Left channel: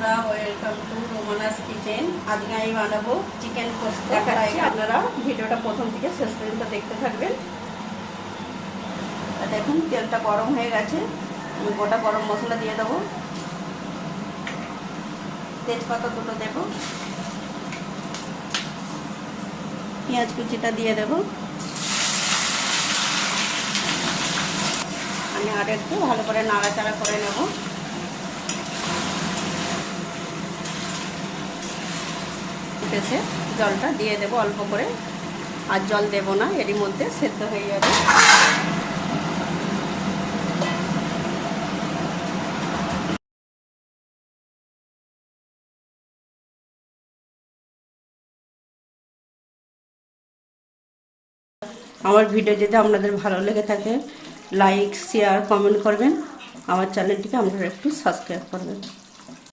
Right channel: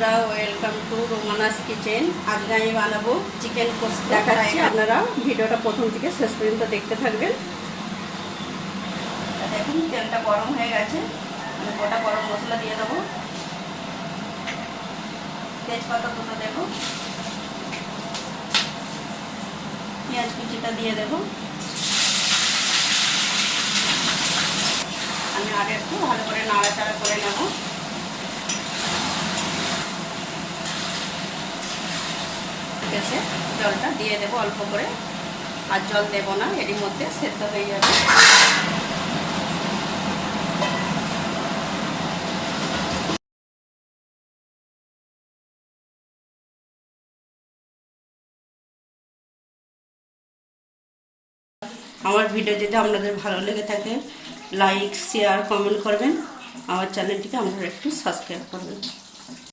বন্ধুরা, welcome to রোমানাস kitchen. আজকে আমি বানাবো চিকেন কোস্তা। দেখাচ্ছি, আপনারা ভিডিওটা প্রথম থেকে শেষ পর্যন্ত দেখতে থাকবেন। দেখুন তেলটা গরম হয়ে গেছে, গোটা গরম মশলা দিয়ে দেবো, তেজপাতা দুটো দেবো, পেঁয়াজ কুচিটা দিয়ে দেবো। আমি আগে একটু ভালো করে নাড়াচাড়া করে নেবো। এসে জলটা দিয়ে দেবো অল্প করে, আর জল দেব না, এরই মধ্যে সেদ্ধ হয়ে যাবে। আমার ভিডিও যদি আপনাদের ভালো লেগে থাকে, লাইক শেয়ার কমেন্ট করবেন। আমার চ্যানেলটিকে আপনারা একটু সাবস্ক্রাইব করবেন।